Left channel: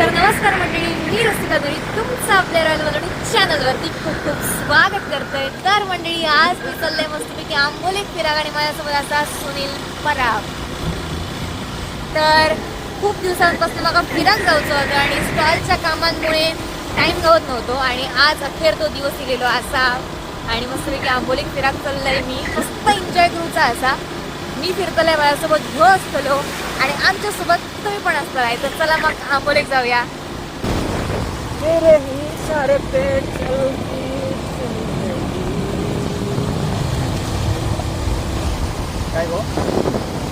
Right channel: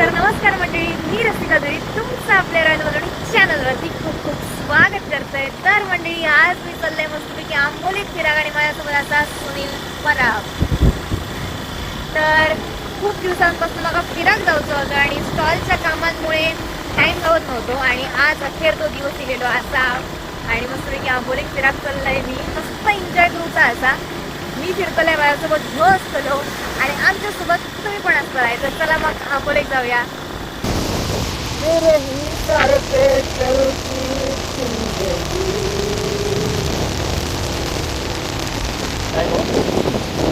तर नमस्कार मंडळी, मी रसिका तरी तुमचं आपल्या रॉयल मेलोडी चॅनलवरती खूप खूप स्वागत करतोय. तर मंडळी, आज मी चाललंय मस्तपैकी आंबोलीत फिराग आणि माझ्यासोबत असा सुनील पराब. तर खूप दिवसांपासून मला फिराग जायचं होतं आणि स्टॉलच्या कामांमुळे टाइम गावत नव्हतो आणि आज अखेर तो दिवस गेलो असा. आणि मस्तपैकी आंबोलीत फिराग चाललंय, मी मस्त एन्जॉय करूचा असा. मी फिरतलंय माझ्यासोबत घेऊ असतलो आणि आमच्यासोबत तुम्ही पण असतलाय. तर चला मग आंबोलीत जाऊया.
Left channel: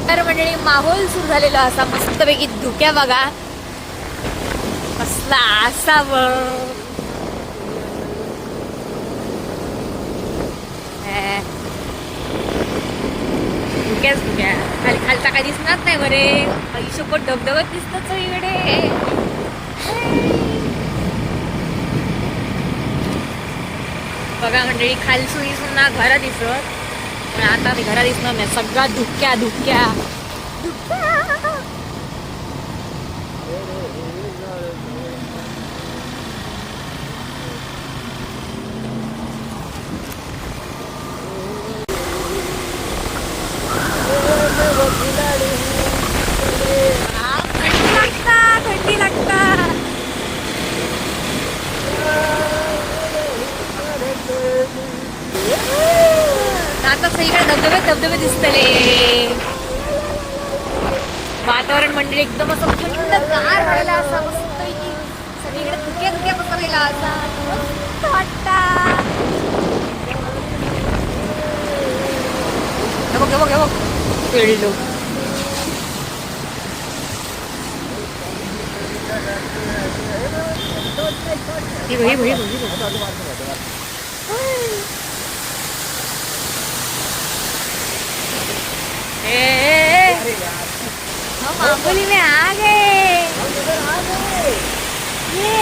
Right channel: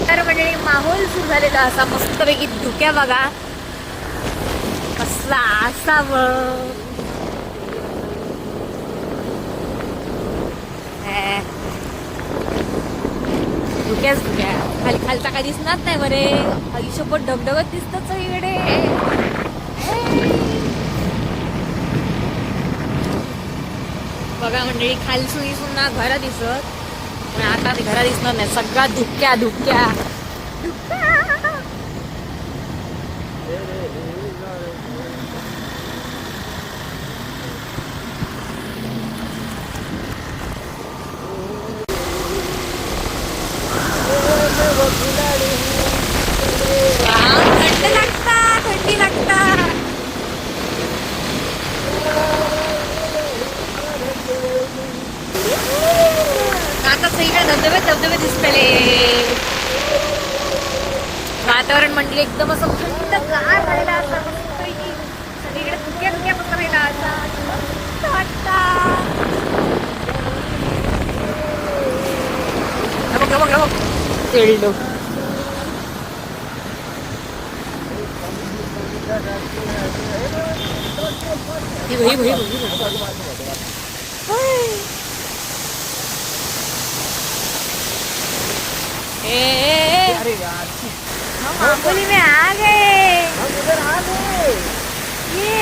तर म्हणजे माहोल सुरू झालेला असा मस्तपैकी धुक्या बघा कसला असावं. धुक्याच धुक्या, खाली खालचा काही दिसणार नाही बरे. आयुष्यभर धबधबत दिसतच इकडे. बघा मंडळी, खालसून सुद्धा घरं दिसत, पण आता ते घरा दिसणार नाही. सगळा धुक्या धुक्या धुक्या. थंडी लागता. आता सगळीकडे धबधबे धबधबे दिसतले. वातावरण म्हणजे एकदम असं थंडगार राहिला असा मस्त. सगळीकडे धुक्या धुक्या पसरलेला असा मस्त वाटता. खेळलो हम आंबोली में आ गए. ये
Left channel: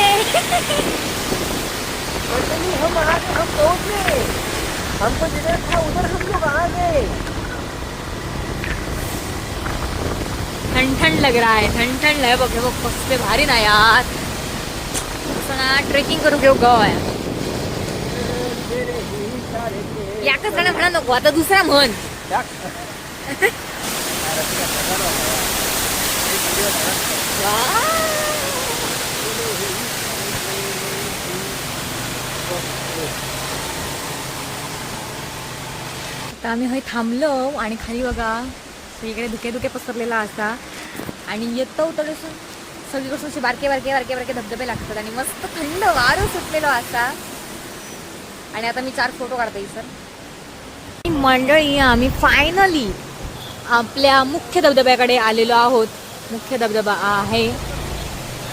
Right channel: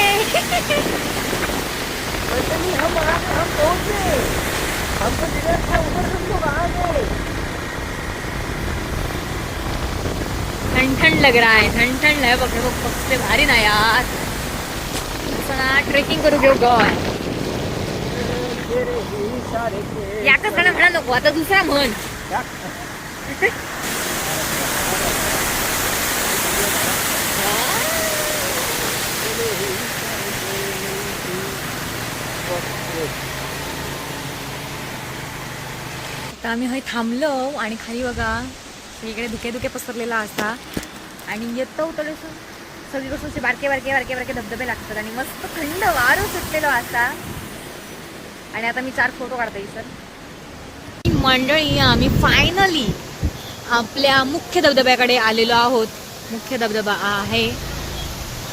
ठंड ठंड लग रहा है. ठंड ठंड है. बघ बघ कसले भारी ना यार. ट्रेकिंग करू घेऊ गाव आहे. याकच गाणं म्हणा नको, आता दुसरा म्हण. आता आम्ही हय थांबलो आणि खाली बघा सगळीकडे धुके धुके पसरलेला असा. आणि येतो तडसून सगळीकडून असे बारके बारके बारके बारके धबधबे लागतात आणि मस्त थंड वारं सुटलेलो असा. आणि आता मी 4 फोटो काढते सर. मंडळी, आम्ही फायनली आपल्या मुख्य धबधब्याकडे आलेलो आहोत. मुख्य धबधबा आहे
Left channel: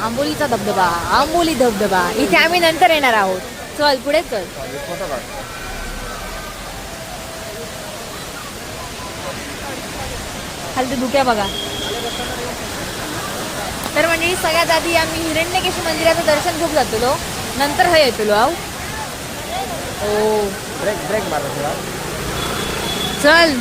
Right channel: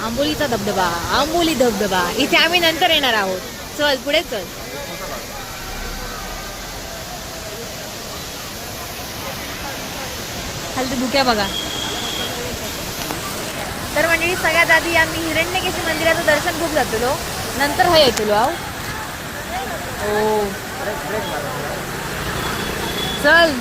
आंबोलीचा धबधबा, आंबोली धबधबा. इथे आम्ही नंतर येणार आहोत. चल पुढे चल. खाली धुक्या बघा. तर म्हणजे सगळ्यात आधी आम्ही हिरण्यकेशी मंदिराचं दर्शन घेऊन जातलो, नंतर हा येतलो आहो. हो चल.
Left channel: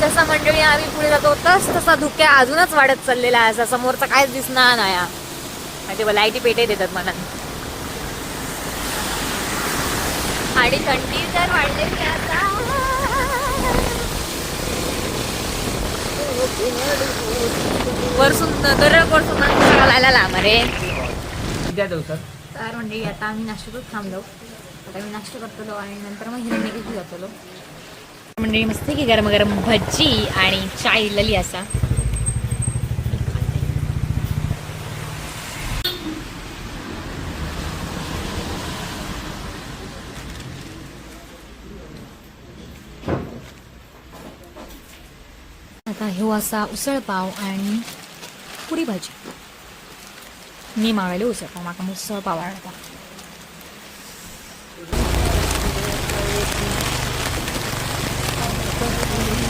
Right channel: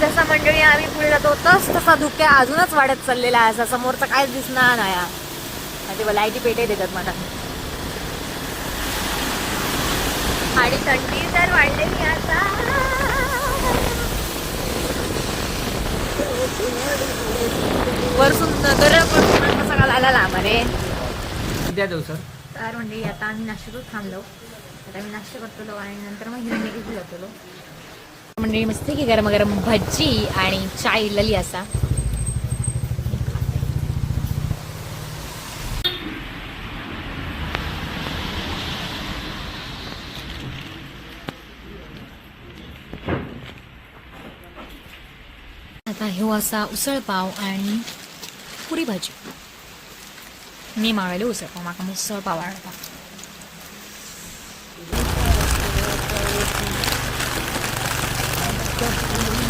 जसा मंडळी आम्ही पुढे जातो तसा धुक्या अजूनच वाढत चाललेला आहे. समोरचा काहीच दिसणार नाही. लाईटी पेटे देतात मला. आणि थंडी तर वाढलेली आता. वरसून करायला लांब रे. तर म्हणजे आता आम्ही नाश्त्यातच थांबलो. आता मी नाश्ता करतो आणि नंतर मग हिरण्यकेशी जातो. म्हणजे मस्त की गरम गरम भजी आणि चाय लली असा. आता हे असा उसळ पाव आणि पुरी भाजी. मी मागवले उसळ पाव, माका उसळ पाव आवडता.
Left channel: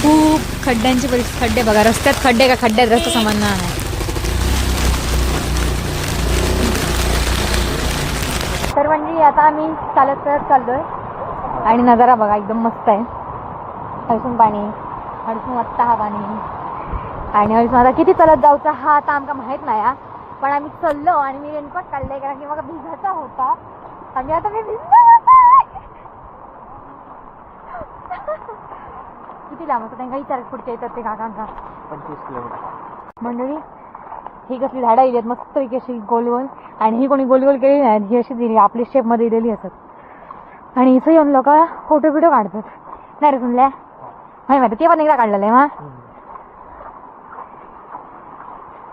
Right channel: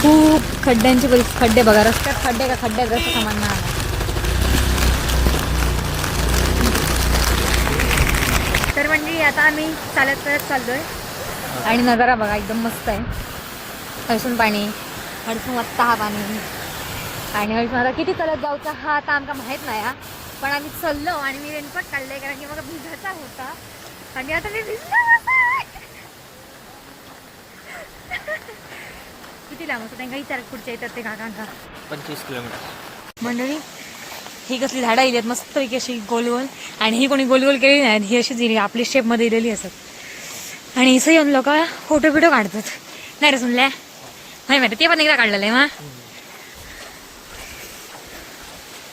खूप खड्ड्यांचे खड्डे बघा. रस्त्यात खड्डे का खड्ड्यात रस्ता समान नाही. तर म्हणजे आता आम्ही चालत चाललोय आणि नजारा बघा एकदम मस्त आहे. हळसून पाणी, हळसून वाजता हा पाणी. आणि हळूच आता किती चलत जाऊचा हा आता आमका माहीत नाही हा. पण आम्ही चललो आणि मी रेनकोट काढले कारण की मला भिजायचा होता आणि आता मी भिजलो. किती लांब असतं त्यांना विचार पुढच्या येतात ते काकांका. 25 किलोमीटर. मंडळी ही कसली झाडं येतात मस्त पैकी अशी गोलगोल आणि ही कोणी गोलगोल केली नाही ही अशीच दिली आपली शेपमध्ये दिलेली असत आणि इथं येऊन लोक फोटो बिटो काढतात नाही रे सुनल्या नाही माहिती ते पण एकदा काढलेलं आहे मा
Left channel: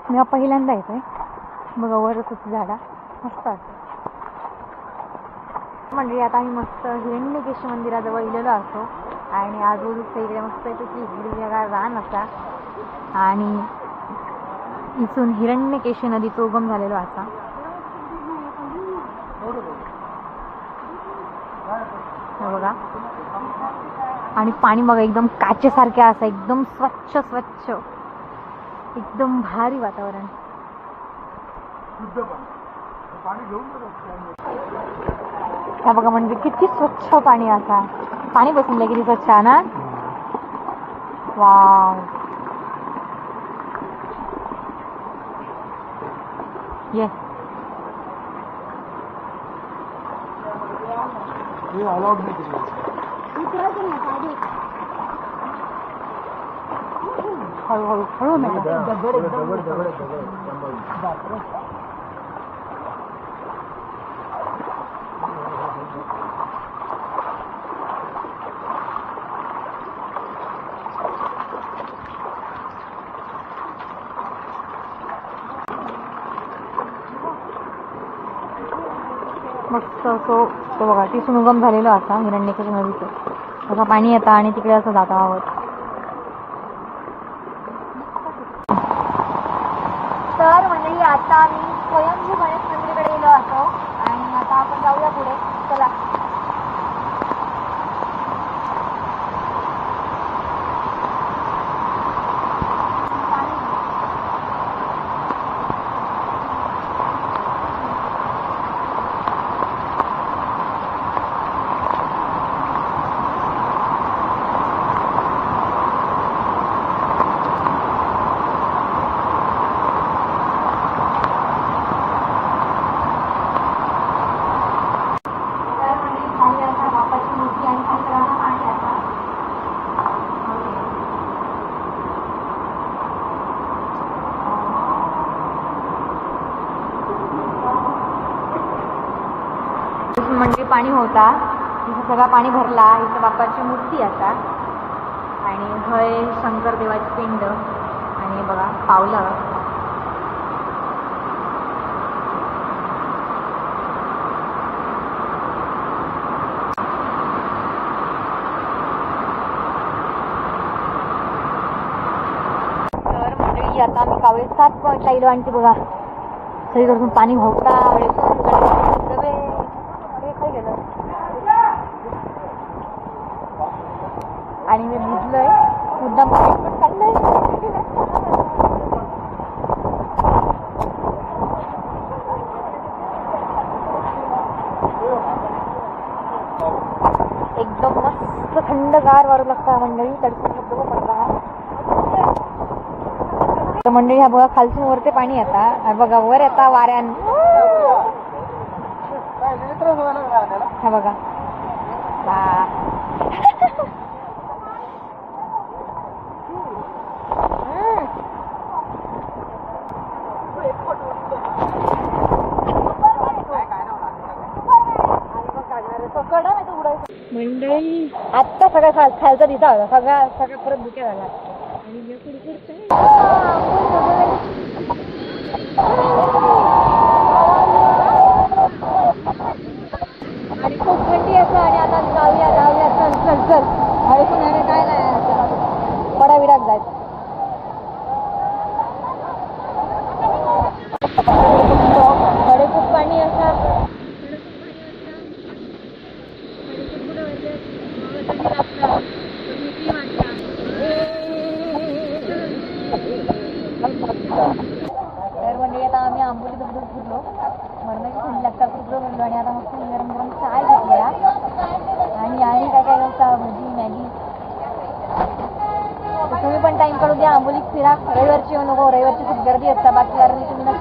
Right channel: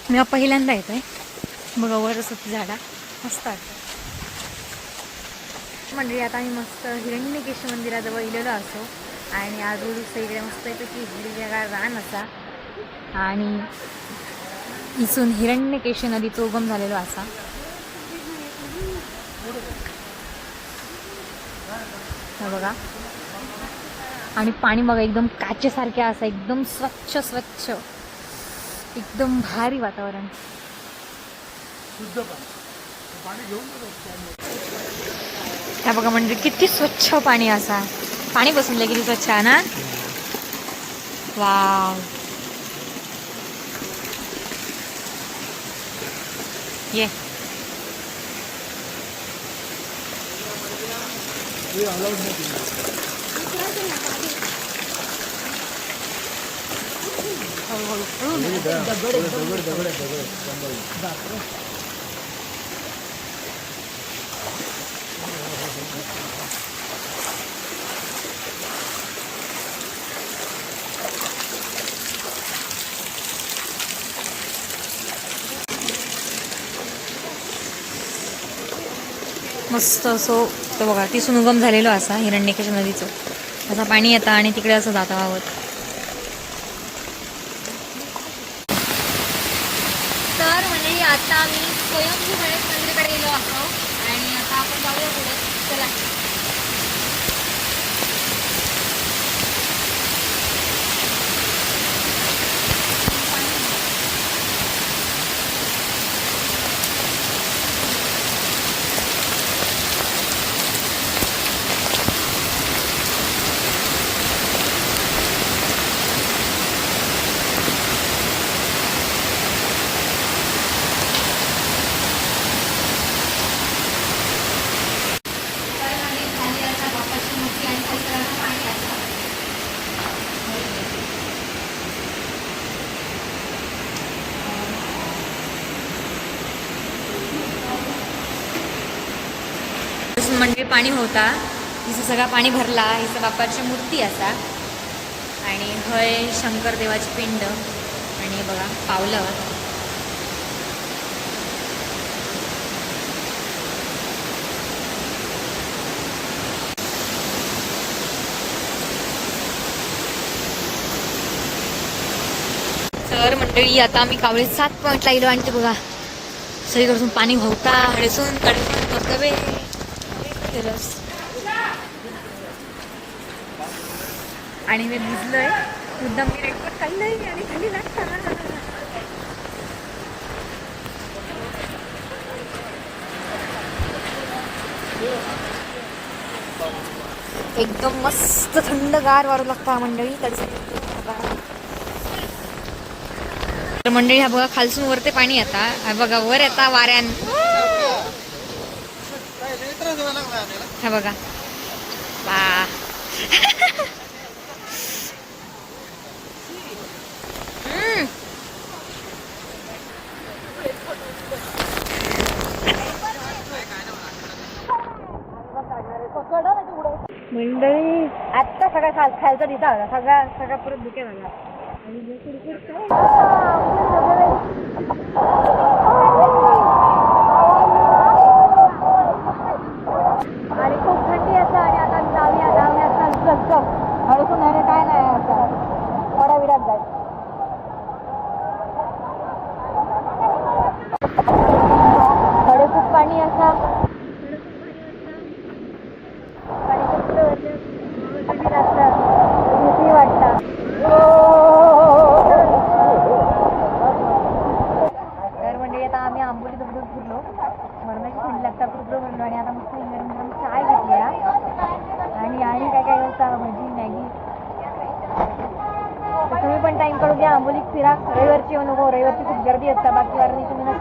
मी पहिल्यांदा येतोय बघा वर असत झाडा मस्त वाटतं. मंडळी आता आम्ही मस्त हिरण्यकेश मंदिराजवळ इलेलो असो आणि आजूबाजूचा इकडे मस्त येतो की हिरव्यागार रान असा आणि इथून हिरण्यकेशी नदीचा उगम झालेला असा. बघा आणि पाणी बघा एकदम काचेसारखे असं एकदम स्वच्छ स्वच्छ एकदम भारी वातावरण. ह्या बघा म्हणजे किती स्वच्छ पाणी असा पाणी बसून किती स्वच्छ आहे ना. वाव ये मस्त असो तो बघा तिथून उगम झालेलो असा हिरण्यकेश नदीचं असं पाणी येतं आणि तिकडे असं जाता आहोत. तर म्हणजे आता मी स्वयंभू गणेश मंदिराकडे गेलो असो आणि आता आपण जाऊया पुढे चला. म्हणजे पाणी होता इथं सगळा पाणी भरला इथं बाप्पाची मूर्ती असा आणि हय शंकर देवाची पिंड आणि बघा पावलावर तर मंडळी आता आम्ही कावळे 7 पॉईंटला गेलो आणि ते बघा सगळीकडून पाणी होता हळसून धबधबे आणि मी भिजलोय मुद्दाम रेनकोट काढलंय आणि खाली एकदम मस्त थंडगार वारू लागतं मंडळी तर मंडळी हा बघा खालसून वर ते पाणी येता हा बघा वर येता वाऱ्यान हा बघा वा मंडळी आत्ता सगळं खालचा दिसा होता सगळा परत दुखे झाला आणि खूप थंडी असं आणि आता जाऊया चल हळसून ह्याने काय नाही आता पडा विरात जायचं कडे खूप पाणी असा भीती वाटतं तर म्हणजे आता आम्ही आंबोली धबधब फिरलो मरणाची थंडी लागता कुरकुरो भरलो आणि आता मस्त गरम गरम चाय घेतली आणि काय काय होता भजी मॅगी तर तुम्ही पण टाइम काढू द्या, आंबोलीत फिरा. रविवारची येऊ नको, रविवारची खूप गर्दी असता, बाकी वारांनी तुम्ही नक्की